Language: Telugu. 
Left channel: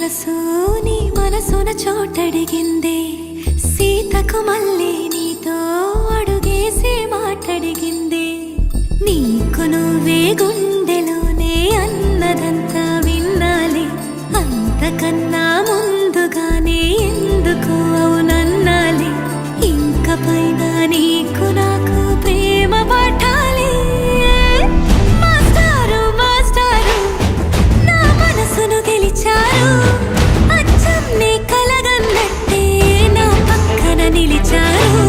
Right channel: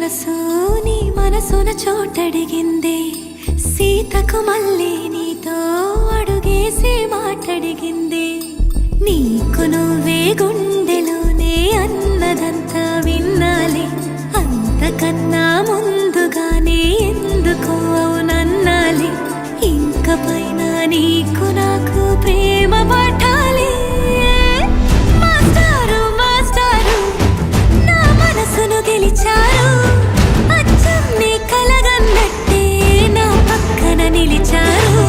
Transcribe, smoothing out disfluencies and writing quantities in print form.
మనసు నీ మనసున చోటడిగిందే, సీతకు మళ్ళీ నీతో అడుగేసి మాటడిగిందే. నీకు నువ్వే గుండెలోనే అన్నదంతా విన్నాలే, అంతకన్నా ముందుగానే ఎందుకు అవునన్నాలే. ఇంక పైన నీకు నాకు ప్రేమ పాఠాలే. మాస్టారు మాస్టారు నా మనసును గెలిచారు, అచ్చం నీ కలగన్నట్టే నా పక్కన నిలిచారు.